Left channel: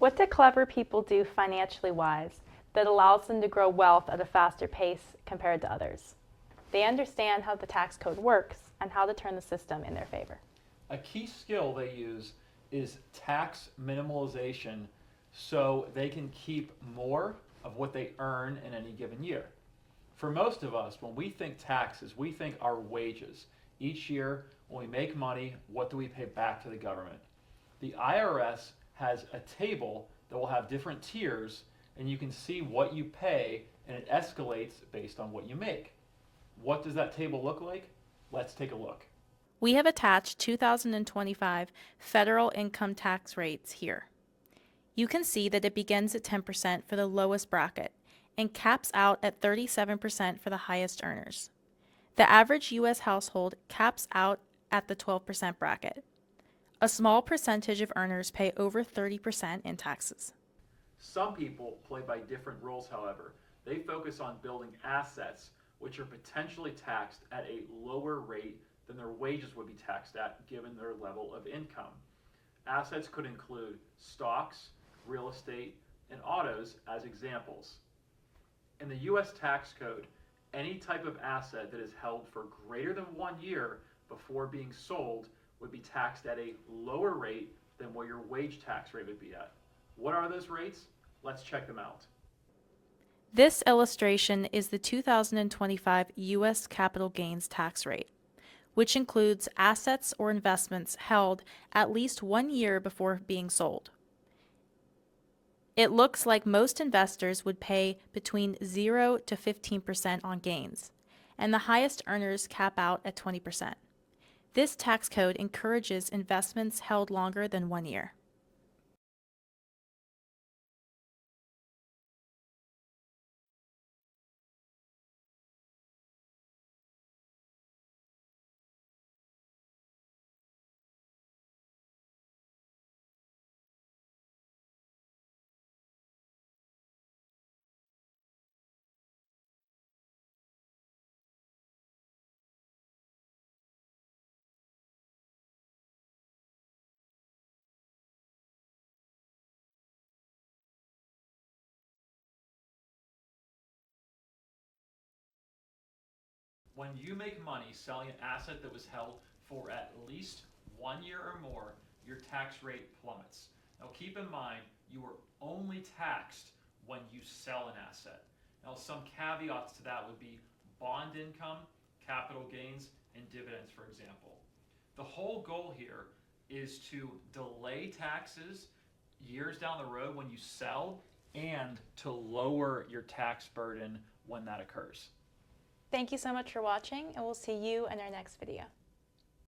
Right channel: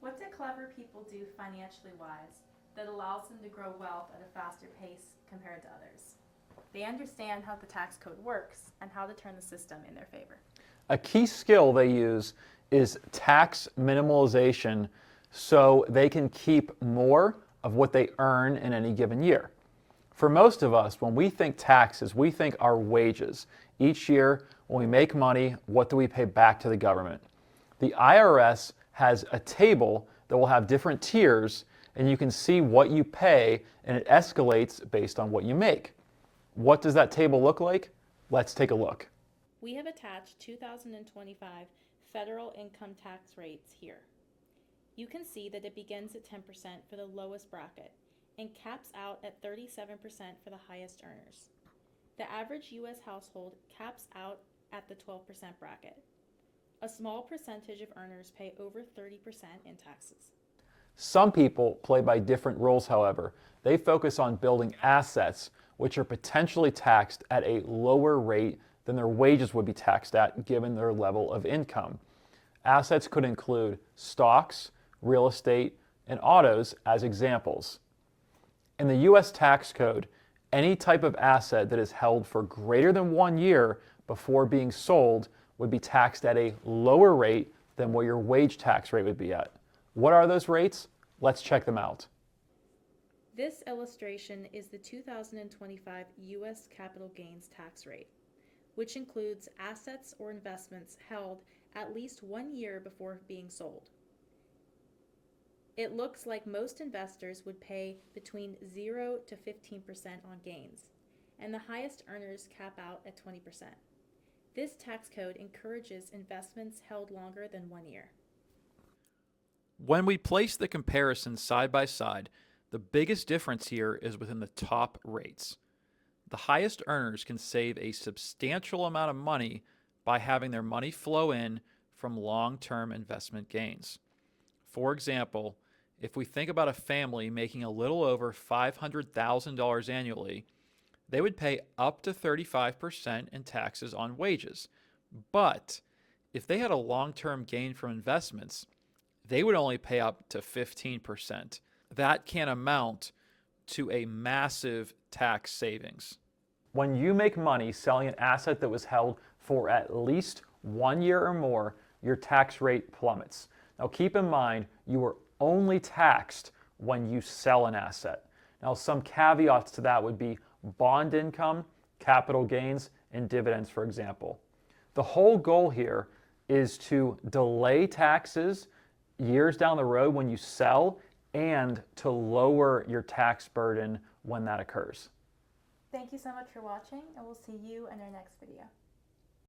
What do clever people do financially wise that allows them to grow wealth at a faster pace compared to others? They understand how the tax code works and how to turn the system in their favor. A key skill they use is tax minimalization so they can keep more of what they earn in any given year. For most of us, when we think taxes, we think our wages. Each year, when we make money, what do we pay back to the government? The IRS has a table that will have different tiers, and you can see what you pay, and it escalates based on what you make. What does that table look like? Let's take a look. We have attached 2025 federal income tax rates here. You can see that it begins at 10% for the lowest bracket and caps out at 37% for the highest earners. The average U.S. household caps out at the 12% bracket. A small percentage of earners pay over 30% in taxes. Some people play by different rules, however. They focus on building assets, which are potentially taxed at a lower rate than their wages would be taxed at given their level of income. Assets could include stocks, real estate, and autos as examples. In the U.S. tax code, any type of asset that is held for greater than 1 year before being sold would be taxed at a lower rate than what your wage tax rate would be at. What are those rates? Let's check them out. This illustration is the 2025 U.S. capital gains tax rate, which includes assets or investments held at least 1 year before being sold. It looks like most investors would pay between 0 to 15% on gains, and the highest earners cap out at 20%. This tax code encourages investments held longer than 1 year. When we place the comparisons side by side, the biggest difference here is within the top rates. The highest earners can save a substantial amount of money by having their money flow in from long-term investment gains. For example, if we think about a family making a little over $500,000 annually, they would pay up to 35% in taxes on wages. But if they had a long-term gain from investments, they would only pay up to 15%. That can amount to a massive tax savings. When you make money selling an asset that was held for at least 1 year or more, your tax rate plummets. Now keep in mind, you are only taxed when you sell an asset. Now some caveats to that would be bond income, capital gains, and dividends, for example. The whole goal here is to delay taxes years down the road when you sell and to lower your tax burden when that occurs. Thank you so much for watching, and we'll see you in our next video.